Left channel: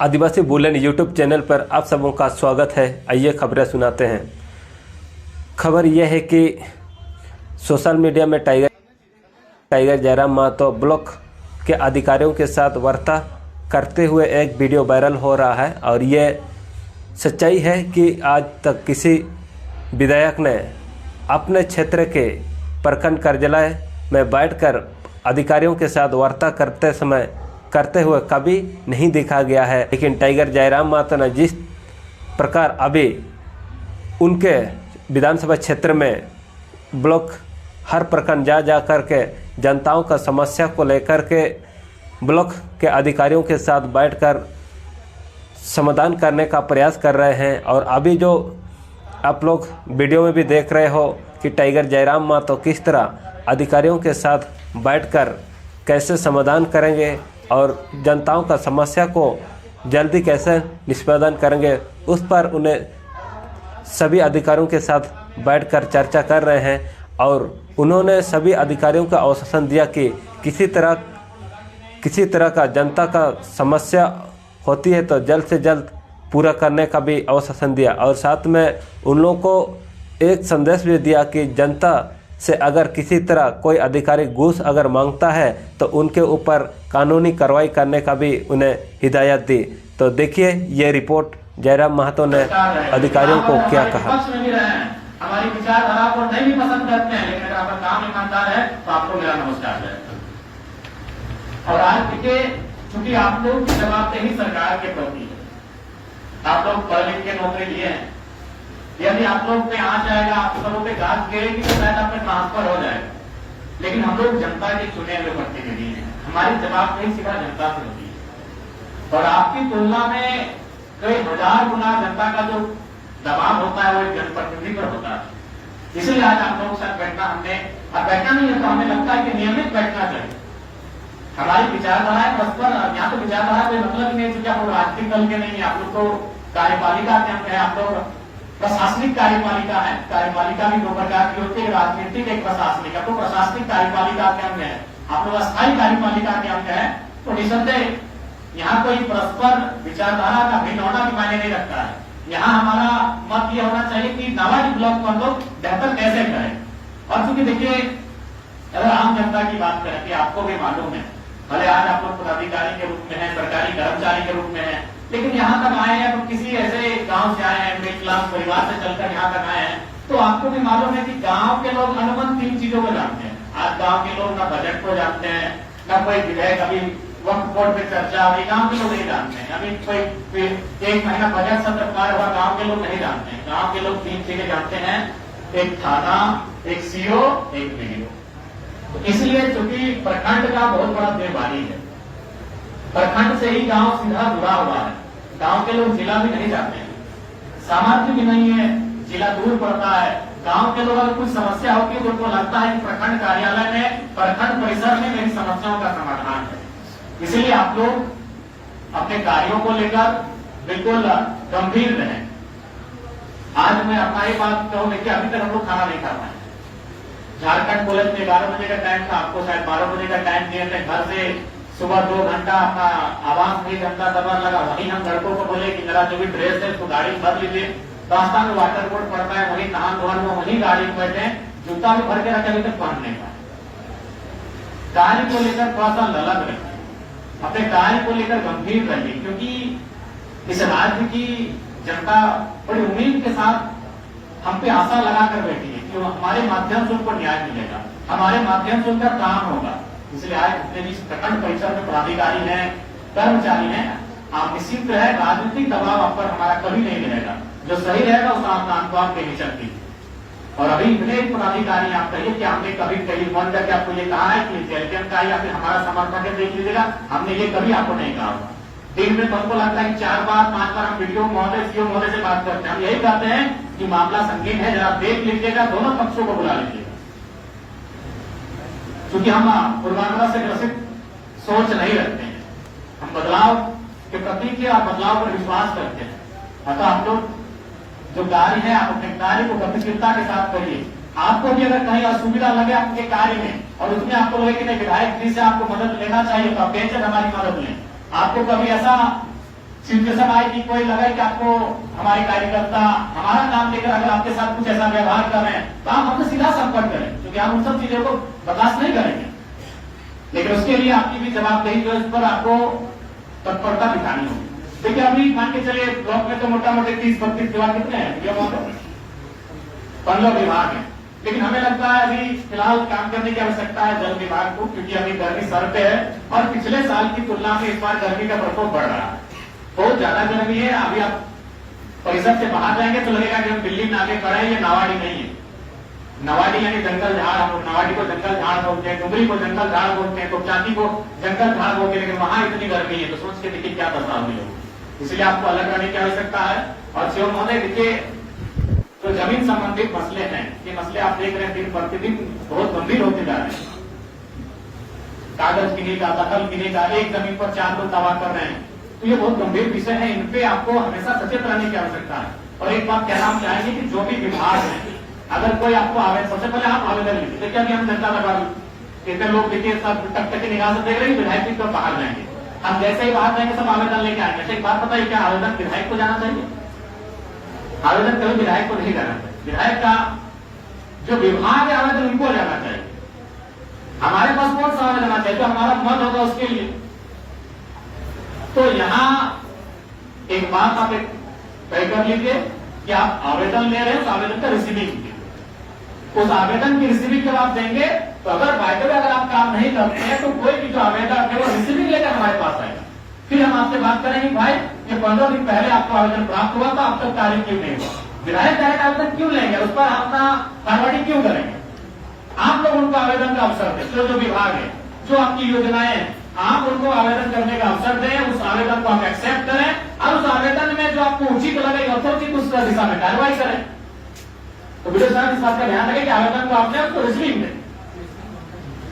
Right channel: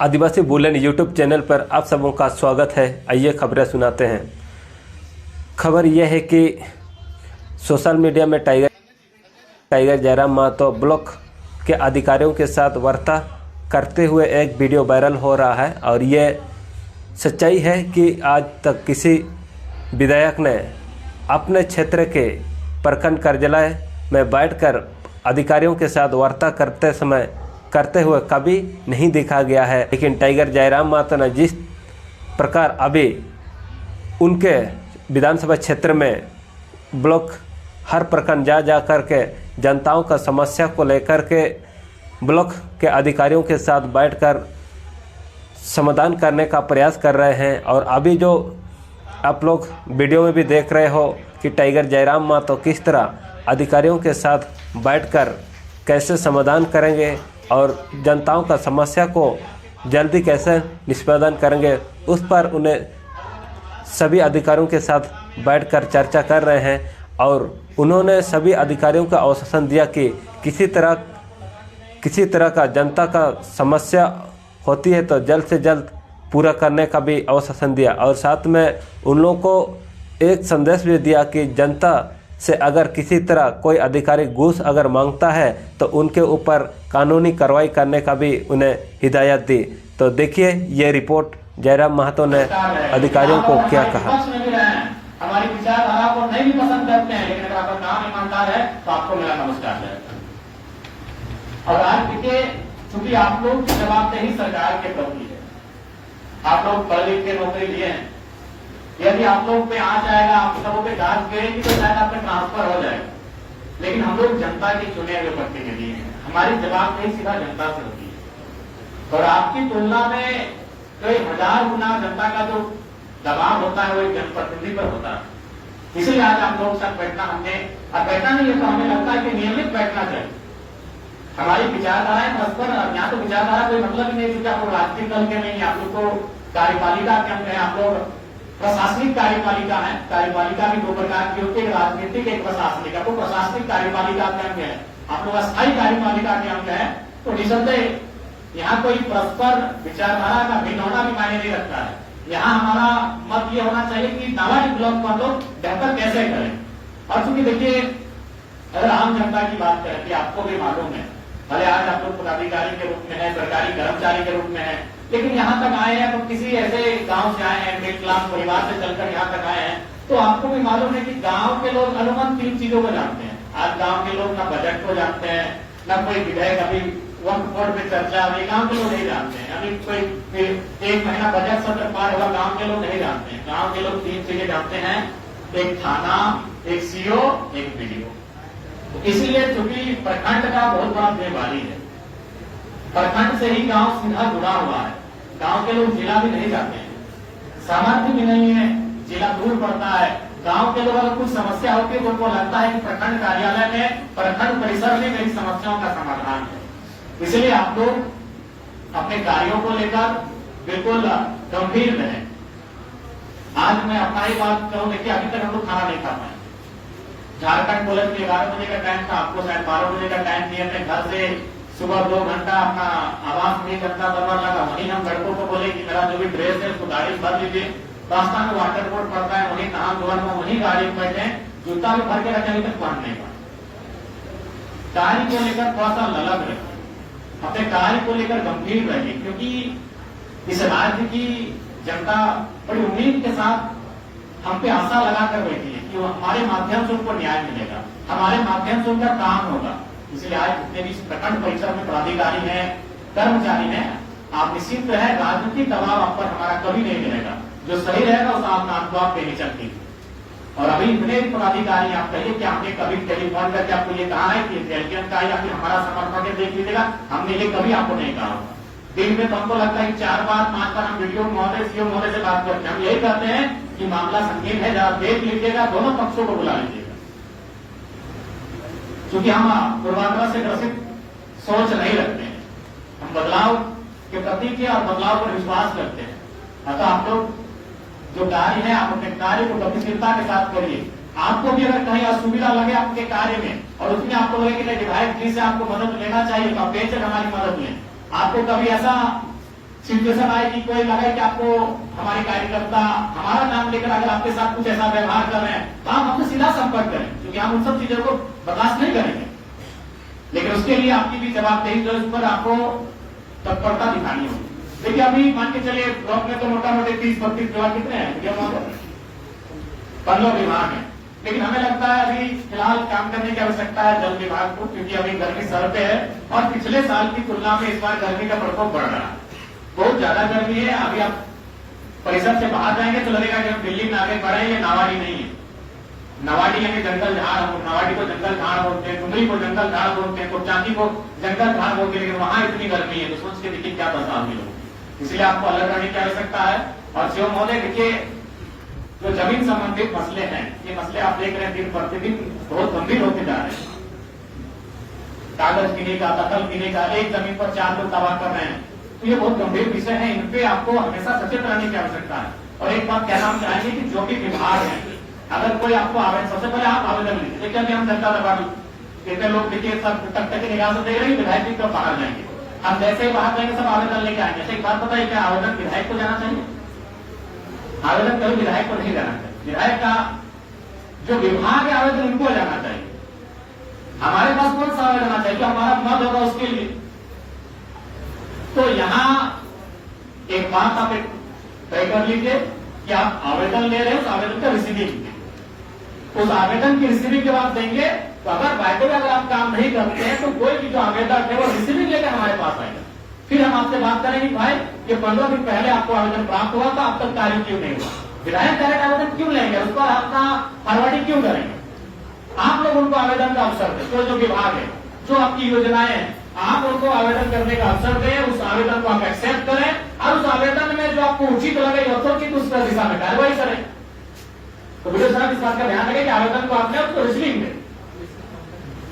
आदिवासी bulletin YouTube channel पर आप सबों का स्वागत है। आइए खबरें सुनाते हैं। खबर यह है कि सोशल मीडिया में टाइगर जयराम महतो ब्लॉक के अधिकारियों के साथ वार्ता करते हुए एक वीडियो वायरल हो रहा है और ये सच्चाई है कि आज तक किसी विधायक ने अपने क्षेत्र के प्रखंड कार्यालय में बैठकर अधिकारियों के साथ वार्ता करते हुए कभी नहीं देखा गया है। लेकिन टाइगर जयराम महतो ने जिस प्रकार अभी उनके विधानसभा क्षेत्र में ब्लॉक हर प्रखंड जा कर के जनताओं का समस्या को लेकर के ब्लॉक के अधिकारियों के साथ बैठकर समाधान करने का प्रयास कर रहे हैं, और अभी जो आप लोग वीडियो में भी देख रहे हो कि टाइगर जयराम महतो किस तरह अधिकारियों के साथ बैठकर कैसे समाधान करेंगे और जनताओं का समस्या को जल्दी कैसे निष्पादन करेंगे, उस पर उन्हें सभी अधिकारियों के साथ बैठकर चर्चा कर रहे हैं। और उन्होंने सभी अधिकारियों को आश्वासन दिया कि किसी तरह का जनता का समस्या होती है तो जल्द से जल्द पूरा करने का भी आश्वासन दिया। और साथ में उन लोगों को एक संदेश भी दिया कि जनता से अगर किसी तरह कोई अधिकारी घूस अगर मांगता है तो उनके ऊपर कानूनी कार्रवाई करने का भी उन्हें हिदायत दी। तो देखिए ये रिपोर्ट जयराम महतो ने अधिकारियों को क्या कहा। हमारी विचारधारा को नहीं भी पसंद करते हैं, लेकिन अगर आपका काम ईमानदार है तो आपको मेरा नमस्कार है। और आज देखिए, चूंकि आप लोग की जवाबदेही सरकार के प्रति है, आप लोग पढ़े लिख के नौकरी लिए हैं, यदि आप लोग पे आ जाएगा, आप सबों पे घास गिरेगी तो शायद आप में ट्रांसफर हो जाएगा। लेकिन हम लोग जनता के चुने हुए प्रतिनिधि हैं, हमारी जवाबदेही सीधा जनता से होती है। और आपकी तुलना में कई हजार गुना जनता का जो दबाव होता है वो एक जनप्रतिनिधि पर होता है। इसीलिए आज आप लोग साथ बैठना हमने, और बैठना नहीं है तो हमें लगता है कि नियमित बैठना चाहिए। हमारी विचारधाराएं परस्पर, यहाँ तो विचारधारा कोई मतलब नहीं है, क्योंकि आप लोग राजनीतिक दल के नहीं है, आप लोग को कार्यपालिका के अंग है, आप लोग प्रशासनिक कार्यपालिका है। कार्यपालिका भी दो प्रकार की होती है, राजनीतिक एक प्रशासनिक है। तो प्रशासनिक कार्यपालिका के अंग है, आप लोग अस्थायी कार्यपालिका के अंग है। तो निसंदेह यहाँ कोई परस्पर विचारधारा का भिन्न होना भी मायने नहीं रखता है। यहाँ हमारा मत ये होना चाहिए कि नालायक ब्लॉक को हम लोग बेहतर कैसे करें। और चूंकि देखिए, अगर आम जनता की बात करें कि आपको भी मालूम है, भले आज आप लोग पदाधिकारी के रूप में है, सरकारी कर्मचारी के रूप में है, लेकिन यहाँ तक आए हैं तो किसी ऐसे गांव से आए हैं, मिडिल क्लास परिवार से चलकर यहाँ तक आए हैं, तो आपको भी मालूम है कि गांव के लोग अनुमन 3 चीजों को जानते हैं। आज गांव के लोग ना बजट को जानते हैं, ना कोई विधेयक अभी वक्त बोर्ड पे चर्चा, अभी गांव के लोग नहीं जानते हैं। अभी कोई 1 महीना बजट सत्र पार हुआ, गांव के लोग नहीं जानते हैं। गांव के लोग 3 चीजें जानते हैं, एक थाना, एक सीओ, एक बीडीओ। तो इसलिए चूंकि प्रखंड का बहुत बड़ा जिम्मेवारी है, प्रखंड से ही गांव सीधा जुड़ा हुआ है। गांव के लोग जिला भी नहीं जाते हैं, सामर्थ्य भी नहीं है, जिला दूर पड़ता है। गांव के लोग अगर कुछ समस्या होती है तो उनको लगता है कि प्रखंड कार्यालय में, प्रखंड परिसर में मेरी समस्याओं का समाधान है। इसलिए आप लोग अपने कार्यों को लेकर बिल्कुल गंभीर रहें। आज मैं अपना ही बात कहूं, देखिए अभी तक हम लोग खाना नहीं खा पाए। झारखंड पुलिस ने 11 बजे का टाइम था, आपको शायद 12 बजे का टाइम दिए थे। घर से सुबह 2 घंटा अपना आवास नहीं जनता करना लगा। वहीं हम लड़कों को बोले कि मेरा जो भी ड्रेस है उसको गाड़ी में भर लीजिए, रास्ता में वाटर बोर्ड पड़ता है, वहीं नहा धोर में वहीं गाड़ी में बैठे, जूता में भर के रखे तक पहनने का। कार्य को लेकर थोड़ा सा ललक रहे, अपने कार्य को लेकर गंभीर रहिए, क्योंकि इस राज्य की जनता बड़ी उम्मीद के साथ हम पे आशा लगाकर बैठी है कि हमारे माध्यम से उनको न्याय मिलेगा, हमारे माध्यम से उनका काम होगा। इसलिए आज जितने भी प्रखंड परिसर में पदाधिकारी हैं, कर्मचारी हैं, आप निश्चित रहे, राजनीतिक दबाव आप पर हमारा कभी नहीं मिलेगा। जो सही रहेगा उस आपको आप देनी चलती। और अभी इतने पदाधिकारी आप कहिए कि हमने कभी टेलीफोन करके आपको ये कहा है कि एलपीएम का या फिर हमारा समर्थन है देख लीजिएगा, हमने ये कभी आपको नहीं कहा। दिन में तो हमको लगता है कि 4 बार 5 बार हम वीडियो महोदय, सीओ महोदय से बात करते हैं। हम यही कहते हैं कि मामला संगीन है, जरा देख लीजिएगा, दोनों पक्षों को बुला लीजिएगा। क्योंकि हम पूर्वाग्रह से ग्रसित सोच नहीं रखते हैं, हम बदलाव के प्रति की और बदलाव पर विश्वास करते हैं। अतः आप लोग जो कार्य है, आप अपने कार्य को गतिशीलता के साथ करिए। आपको भी अगर कहीं असुविधा लगे आपके कार्य में और उसमें आपको लगे कि विधायक जी से आपको मदद लेना चाहिए, तो आप बेशक हमारी मदद लें। आपको कभी ऐसा सिचुएशन आए कि कोई लगे कि आपको हमारे कार्यकर्ता हमारा नाम लेकर अगर आपके साथ कुछ ऐसा व्यवहार कर रहे हैं तो आप हमसे सीधा संपर्क करें, क्योंकि हम उन सब चीजों को बर्दाश्त नहीं करेंगे। लेकिन उसके लिए आपकी भी जवाबदेही जो इस पर आपको तत्परता दिखानी होगी। देखिए अभी मान के चलिए ब्लॉक में तो मोटा मोटी 30-32 विभाग कितने हैं, 15 विभाग है, लेकिन हमें लगता है अभी फिलहाल काम करने की आवश्यकता है जल विभाग को, क्योंकि अभी गर्मी सर पे है और पिछले साल की तुलना में इस बार गर्मी का प्रकोप बढ़ रहा है, बहुत ज्यादा गर्मी है। अभी आप परिसर से बाहर जाएंगे तो लगेगा कि दिल्ली में आगे बढ़ा है, ये नावाडी नहीं है। नवाडी यानी जंगल झाड़, नवाडी को जंगल झाड़ बोलते हैं, डुमरी को जंगल झाड़ बोलते हैं, कुपचाकी को जंगल झाड़ बोलते हैं, लेकिन वहां इतनी गर्मी है तो सोच के देखिए क्या बदलाव मिले। इसलिए आपको अलग करने की आवश्यकता है। और शिव महोदय देखिए जो जमीन संबंधित मसले हैं, ये मसले आप देख रहे हैं दिन प्रतिदिन बहुत गंभीर होते जा रहे हैं। कागज गिने का, दखल गिने का, एक जमीन पर 4 लोग दावा कर रहे हैं, तो ये बहुत गंभीर विषय है, इन पे आपको हमेशा सचेत रहने की आवश्यकता है। और एक बात कहना हम चाहेंगे कि जो भी विभाग है, अगर कोई आपको आवेदन, सबसे पहले आप आवेदन लीजिए। देखिए कि हम जनता दरबार कितने लोग देखिए सब टक निराशा दे रहे हैं, विधायक जी तो बाहर जाएंगे, हम जैसे ही बाहर जाएंगे सब आवेदन लेके आएंगे। अच्छा एक बात बताइए, क्या आवेदन विधायक को जाना चाहिए? आवेदन कभी विधायक को नहीं जाना चाहिए। विधायक का जो विभाग है आवेदन उनको जाना चाहिए। हमारे पास कौन सा आवेदन आना चाहिए, तो हमारा मत होगा उसके लिए। तो यहां एक बात आप तय कर लीजिए कि आप आवेदन ले रहे हैं तो आवेदन का रिसीविंग, उस आवेदन की रिसीविंग जब आप देंगे तो अगर बाय द वे अगर आप काम नहीं करते हैं तो कोई भी जो आवेदन है वो रिसीविंग लेकर हमारे पास आएगा। फिर हम आपसे बात करेंगे भाई ये 15 दिन पहले आपको आवेदन प्राप्त हुआ था, अब तक कार्य क्यों नहीं हुआ? विधायक डायरेक्ट आवेदन क्यों लेंगे, उस पर अपना फॉरवर्डिंग क्यों करेंगे? आप लोग उनको आवेदन का अवसर दें। जो विभाग है, जो आपकी योजनाएं हैं, आप उनको आवेदन करने का अवसर दें, उस आवेदन को आप एक्सेप्ट करें और उस आवेदन में जो आपको उचित लगे यथोचित उस दिशा में कार्रवाई करें। तो विजय साहब इस बात का ध्यान रखें कि आवेदन को आपने आपको रिसीविंग दें,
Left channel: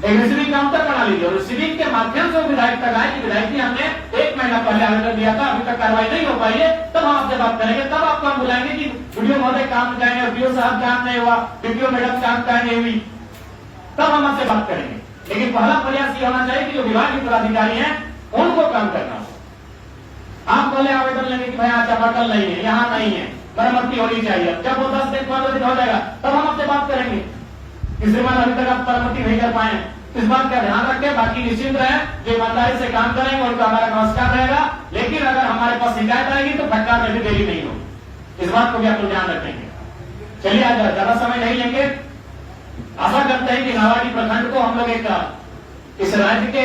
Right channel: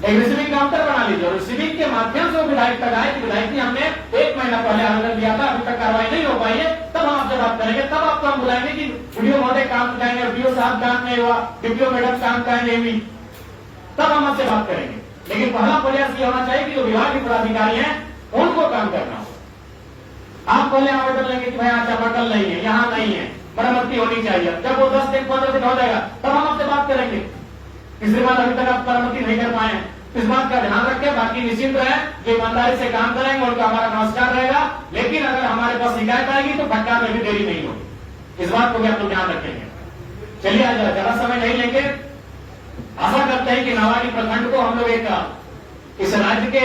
एक रिसीविंग काउंटर बना लीजिए और रिसीविंग के माध्यम से विधायक तक आए कि विधायक जी हमने 1 महीना पहले आवेदन दिया था, अभी तक कार्रवाई नहीं हो पाई है, तब हम आपसे बात करेंगे। तब आपको हम बुलाएंगे कि वीडियो महोदय काम जाएंगे, बीओ साहब काम नहीं हुआ, बीपीओ मैडम काम का नहीं हुई, तब हम आपसे बात करेंगे। लेकिन पहला प्रयास ये होना चाहिए कि जो विभाग के पदाधिकारी हैं उनको काम करना हो। आप पहले आवेदन लेंगे कि भाई आज चापाकल नहीं है, यहाँ नहीं है, मरम्मती होनी चाहिए, जब वो 10 दिन 15 दिन हो जाएगा तब हम आपसे बात करेंगे। इसके बाद अभी तक आप मरम्मती नहीं कर पाए, इस बात का ध्यान रखें। बाकी निश्चित रहे जो ईमानदारी से काम करेंगे उनका हमारा नमस्कार रहेगा। लेकिन अगर हमारे पास शिकायत आएगी तो फटकार में भी देरी नहीं होगी, इस बात को भी आप लोग ध्यान रखेंगे। चलिए आज ज्यादा समय नहीं लेंगे। आशा करते हैं कि नावाडी प्रखंड को हम लोग एक इस राज्य के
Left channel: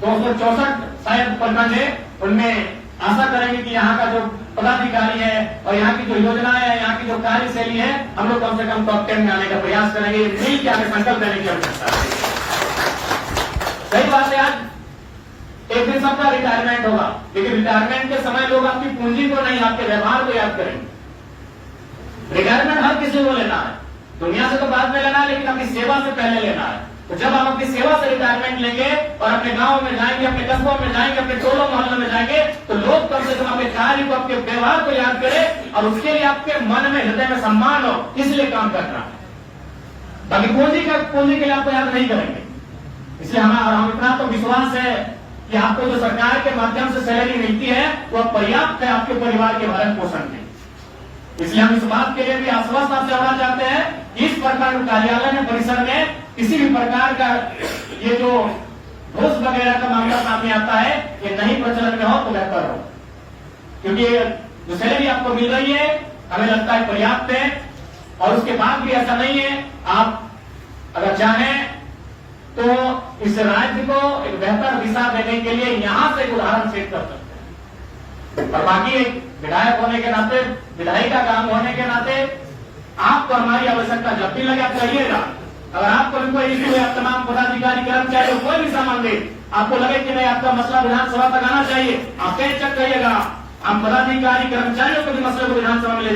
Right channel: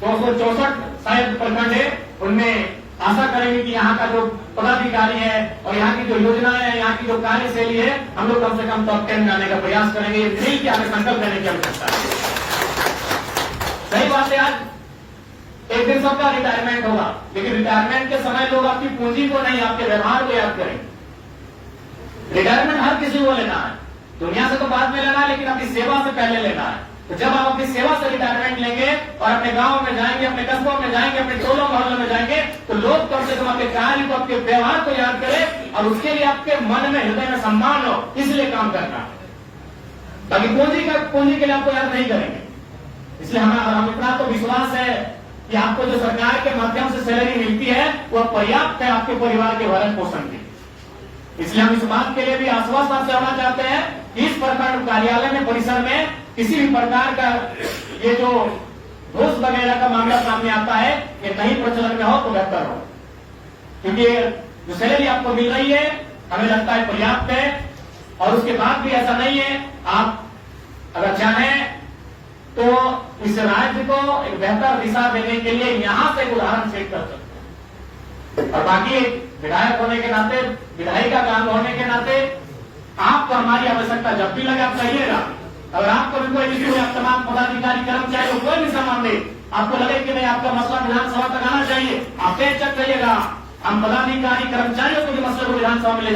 264 शायद प्रखंड है, उनमें आशा करेंगे कि यहाँ का जो पदाधिकारी है और यहाँ की जो योजनाएं है, यहाँ की जो कार्यशैली है, हम लोग कम से कम टॉप 10 में आने का प्रयास करेंगे। मिल के हमें संकल्प लेने की आवश्यकता है। सही बात है, आज एक दिन सबका रिटायरमेंट होगा, लेकिन रिटायरमेंट के समय लोग आपकी पूंजी को नहीं आपके व्यवहार को याद करेंगे। रिटायरमेंट हर किसी को लेना है, दुनिया से तो बाद में लेना है, लेकिन अपनी सेवा से पहले लेना है। तो जब आप अपनी सेवा से रिटायरमेंट लेंगे और अपने गांव में जाएंगे, अपने कस्बों में जाएंगे, अपने टोलों मोहल्लों में जाएंगे, तो लोग कम से कम आपके कार्य को, आपके व्यवहार को याद करें और उसके लिए आपके मन में, हृदय में सम्मान हो, इसलिए काम करना हो। बाकी पूंजी के लिए आपको याद नहीं करेंगे। इसलिए हम इतना तो विश्वास है कि आपको जो सरकार के माध्यम से सैलरी मिलती है वह पर्याप्त है आपके परिवार के भरण पोषण के। इसलिए हम इस बात के लिए भी आश्वस्त आप चाहना चाहते हैं कि इस प्रखंड कार्यालय में, परिसर में किसी भी प्रकार का ये जो घूस वगैरह का मामला सामने आता है ये नहीं प्रचलन में हो तो बेहतर हो, क्योंकि जो सैलरी आपको मिल रही है हमें लगता है पर्याप्त है। और उसके बाद भी ऐसा नहीं है, आप अगर चाहें तो इस राज्य को एक बेहतर दिशा देने के लिए यहां से उदाहरण सेट कर सकते हैं। और बाकी विधायक होने के नाते, विधायिका काम होने के नाते आपको हमारी आवश्यकता जब भी लगे आप कहिएगा। अगर आपको भी कोई इश्यू है, तमाम पदाधिकारी कर्मचारी कोई भी सामान दे, आपको लगे कि नहीं आपका मसला विधानसभा तक आना चाहिए, आप पेश करिएगा। हम पदाधिकारी कर्मचारियों को भी मसले को विधानसभा में